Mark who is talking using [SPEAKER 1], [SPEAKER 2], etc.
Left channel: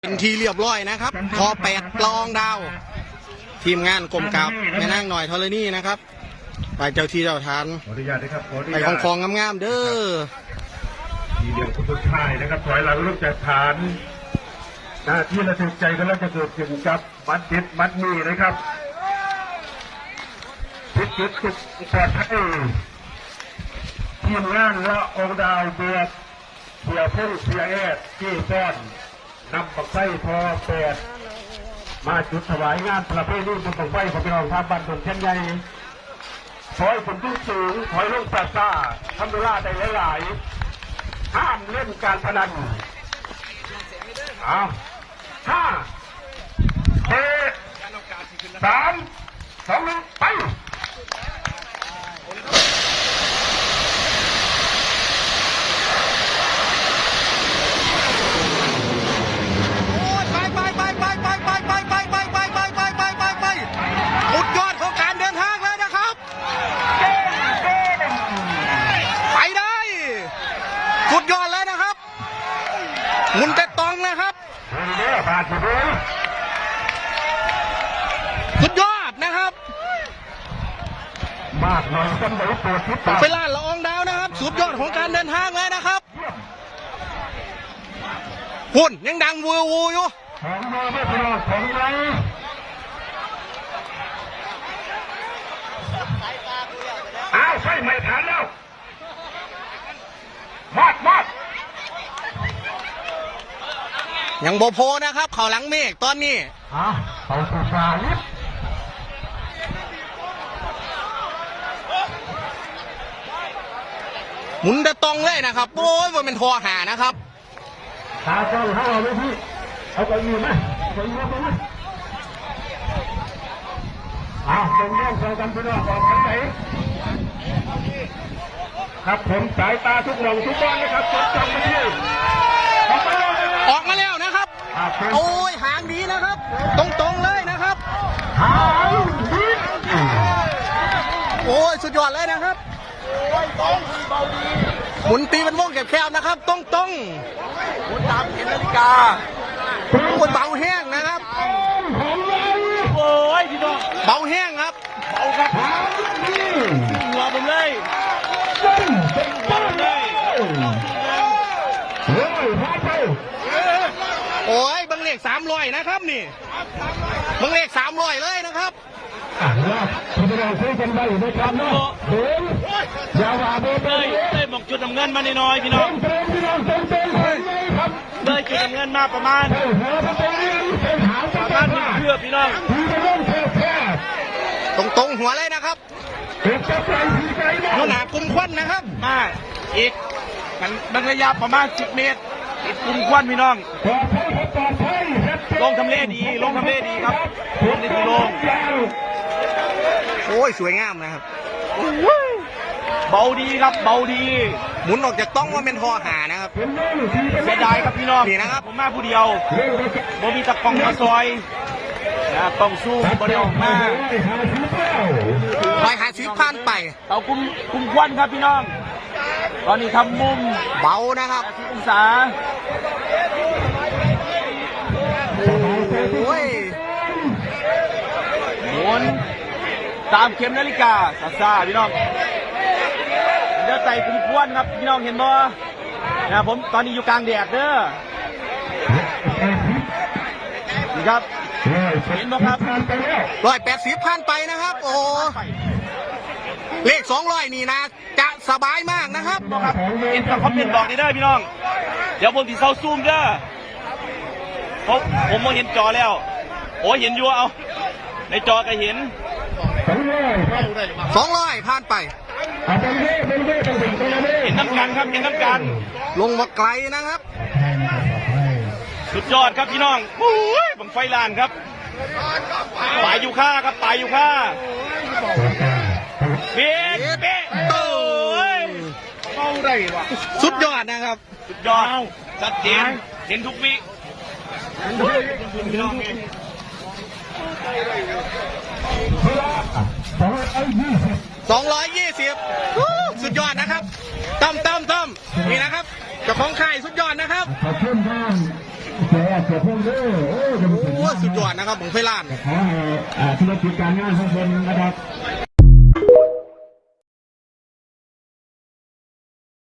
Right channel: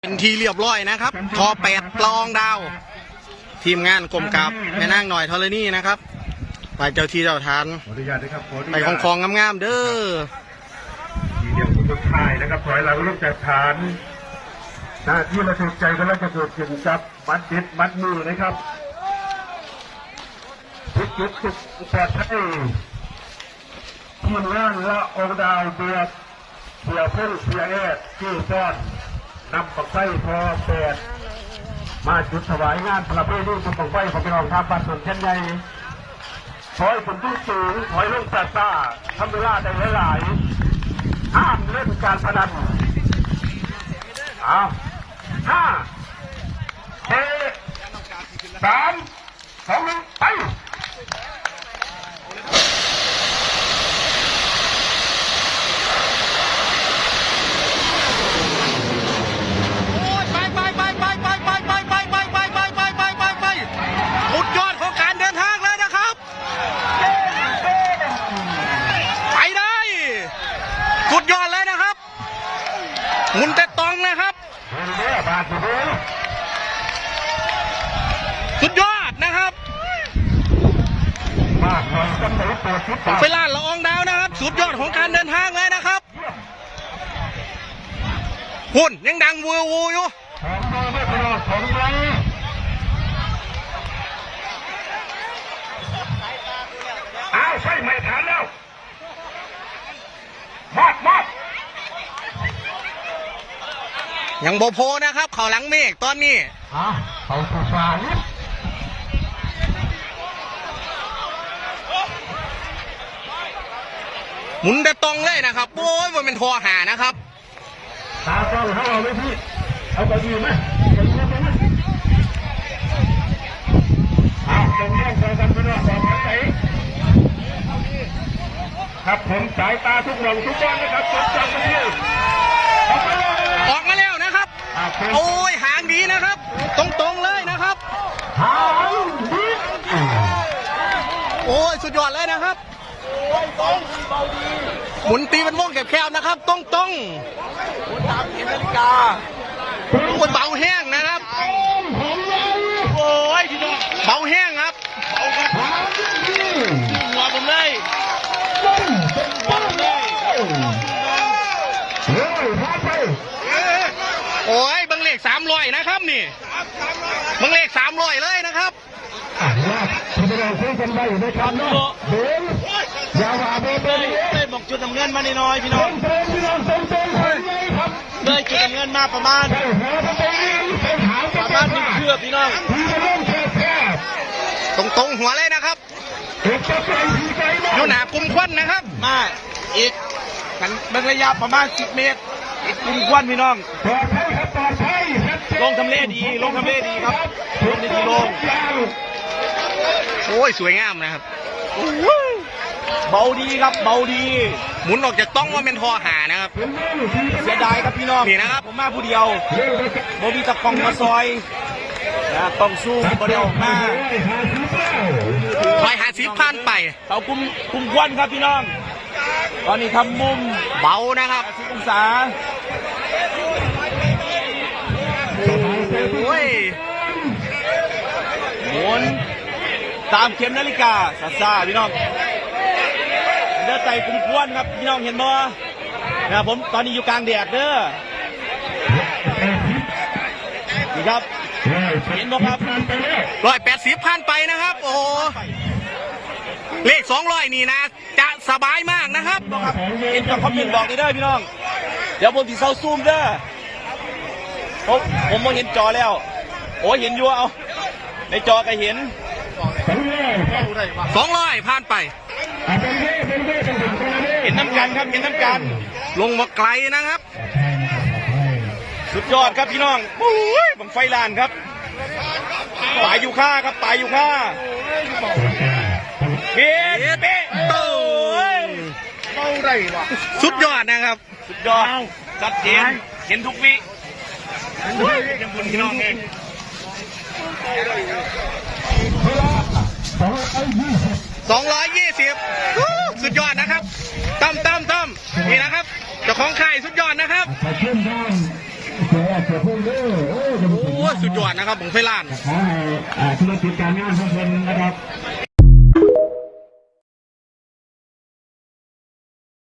[SPEAKER 1] เป็นทีเรียบร้อยนะครับทอ8 ละอองดาวทีมงานกลมกับแม่นางหน่อยธรณีนะครับไปเจ้าที่เจ้าทานไปของงามๆเด้อ
[SPEAKER 2] ทีเดียวสุดท้ายนะครับถอยเราลูกจากฐานที่เราถูกใจก็แล้วจะเกิดขึ้นกับมัดติดมัดมือนะครับพิจิตรสุดปลอดภัยทีมงานละอองดาวเดือดเพื่อเพื่อเพื่อคือก้อนนำปักไส้พอเปิดมาจุดถวายงานประเพณีบุญบั้งไฟของพี่น้องชาวบ้านสวนเช่นไรถอยผลที่สูงถอยลงแปดซ่าทำเวลาได้หลายๆห้ามเล่นการพนัน5 4 3 2 1ไป
[SPEAKER 1] สุดยอดของการเดินทางเลยนะครับไปได้สุดยอดเลยนะครับหมุนแต่ตองนะครับสุดยอดนะครับไปล่าละอองดาวนะครับสุดยอดของการเดินทางเลยนะครับหุ่นยังดังวูวูอยู่
[SPEAKER 2] ใช่ไม่ทันแล้ว
[SPEAKER 1] ยังโบโพนะครับเขาหลังเมฆตอนนี้
[SPEAKER 2] เขาสุดท้าย
[SPEAKER 1] หมุนแต่ตองเลยนะครับโอ้ยมันเป็นทอหานะครับ
[SPEAKER 2] ตาต้องให้เราเลยพี่เอาใจดีนะตรงนี้เราทำที่นี่ต่อไปครับผมสายตาทุกเราทุกบ้านนะครับจดจำไว้เลย
[SPEAKER 1] ออกมาแล้วนะครับโอ้ยหางดีนะครับตรงๆเลยนะครับโอ้ยสุดยอดเลยนะครับหมุนตีเป็นวงแคบๆนะครับตรงๆคนเบาแห้งนะครับโอ้ยเบาแห้งครับเอาครับรอผมเลยโอ้ยบังเลข300นะครับนี่บังเลข300เลยนะครับ
[SPEAKER 2] คุณผู้ชมคุยกันไปนะครับเนาะเดินยาวาเบเบ
[SPEAKER 3] ได้หมกจุดเงินมาหน่อยพี่น้องได้จุดเงินมาประมาณ1 เชือกพี่น้อง
[SPEAKER 1] ตรงหัวเลยนะครับอยู่หนากลุ่มควันนะครับ
[SPEAKER 3] อีกมันระยะประมาณ10 เมตรอีกกลุ่มควันพี่น้อง
[SPEAKER 2] ปลอดภัยครับปลอดภัย
[SPEAKER 3] ลงทำเลดีครับในกิโล
[SPEAKER 1] โอ้ยสวยงามนะครับ
[SPEAKER 3] เบาดีครับเบาดี
[SPEAKER 1] หมุนออกจากต้องว่าเป็นทอหานะครับ
[SPEAKER 3] เสียดายครับพี่น้อง
[SPEAKER 1] นี่นะครับ
[SPEAKER 3] ผมมาผู้เดียวโมบีตะกองมาซอยต้องสู้โมเดล
[SPEAKER 1] มา150ผ่านไป
[SPEAKER 3] ขอบคุณคุณควันครับพี่น้องตอนนี้ทำมุม
[SPEAKER 1] เบานะครับ
[SPEAKER 3] 10 องศา
[SPEAKER 1] โอ้ย
[SPEAKER 3] หมุนตามเข็มนาฬิกาซาพี่น้องเดี๋ยวใจคุณควันครับพี่น้องเห็นบ่นะผมตอนนี้อยู่กลางแดดเด้อนี่ครับเห็นบ่ครับ
[SPEAKER 1] 180ผ่านไปนะครับโอ้เลข200นี่นะจะสบายมากนะครับ
[SPEAKER 3] เห็นบ่ครับเห็นบอกได้พี่น้องเดี๋ยวผมที่เซาซูมเด้อผมมองเห็นจอแล้วโอ้เห็นอยู่เอาในจอก็เห็น
[SPEAKER 1] 200ผ่านไป
[SPEAKER 3] เห็นน้ำกันครับเห็นน้ำกัน
[SPEAKER 1] ลงมาไกลนะครับ
[SPEAKER 3] สุดยอดครับพี่น้องบังไฟลานครับปลายอยู่ค่าครับปลายอยู่ค่าเบ๊ะ
[SPEAKER 1] สุดยอดนะครับ
[SPEAKER 3] สุดยอดจัดเห็นทุกวิยังบุญพี่น้องเอง
[SPEAKER 1] 220สุดยอดนะครับตั้มนี่นะครับเจ้าของค่ายสุดยอดนะครับ
[SPEAKER 2] ขอบคุณครับเสือพุ่งเด้อ
[SPEAKER 1] โอ้สุดยอดนะครับผมไฟล้าน
[SPEAKER 2] ขอให้ธุรกิจการงานของเสือ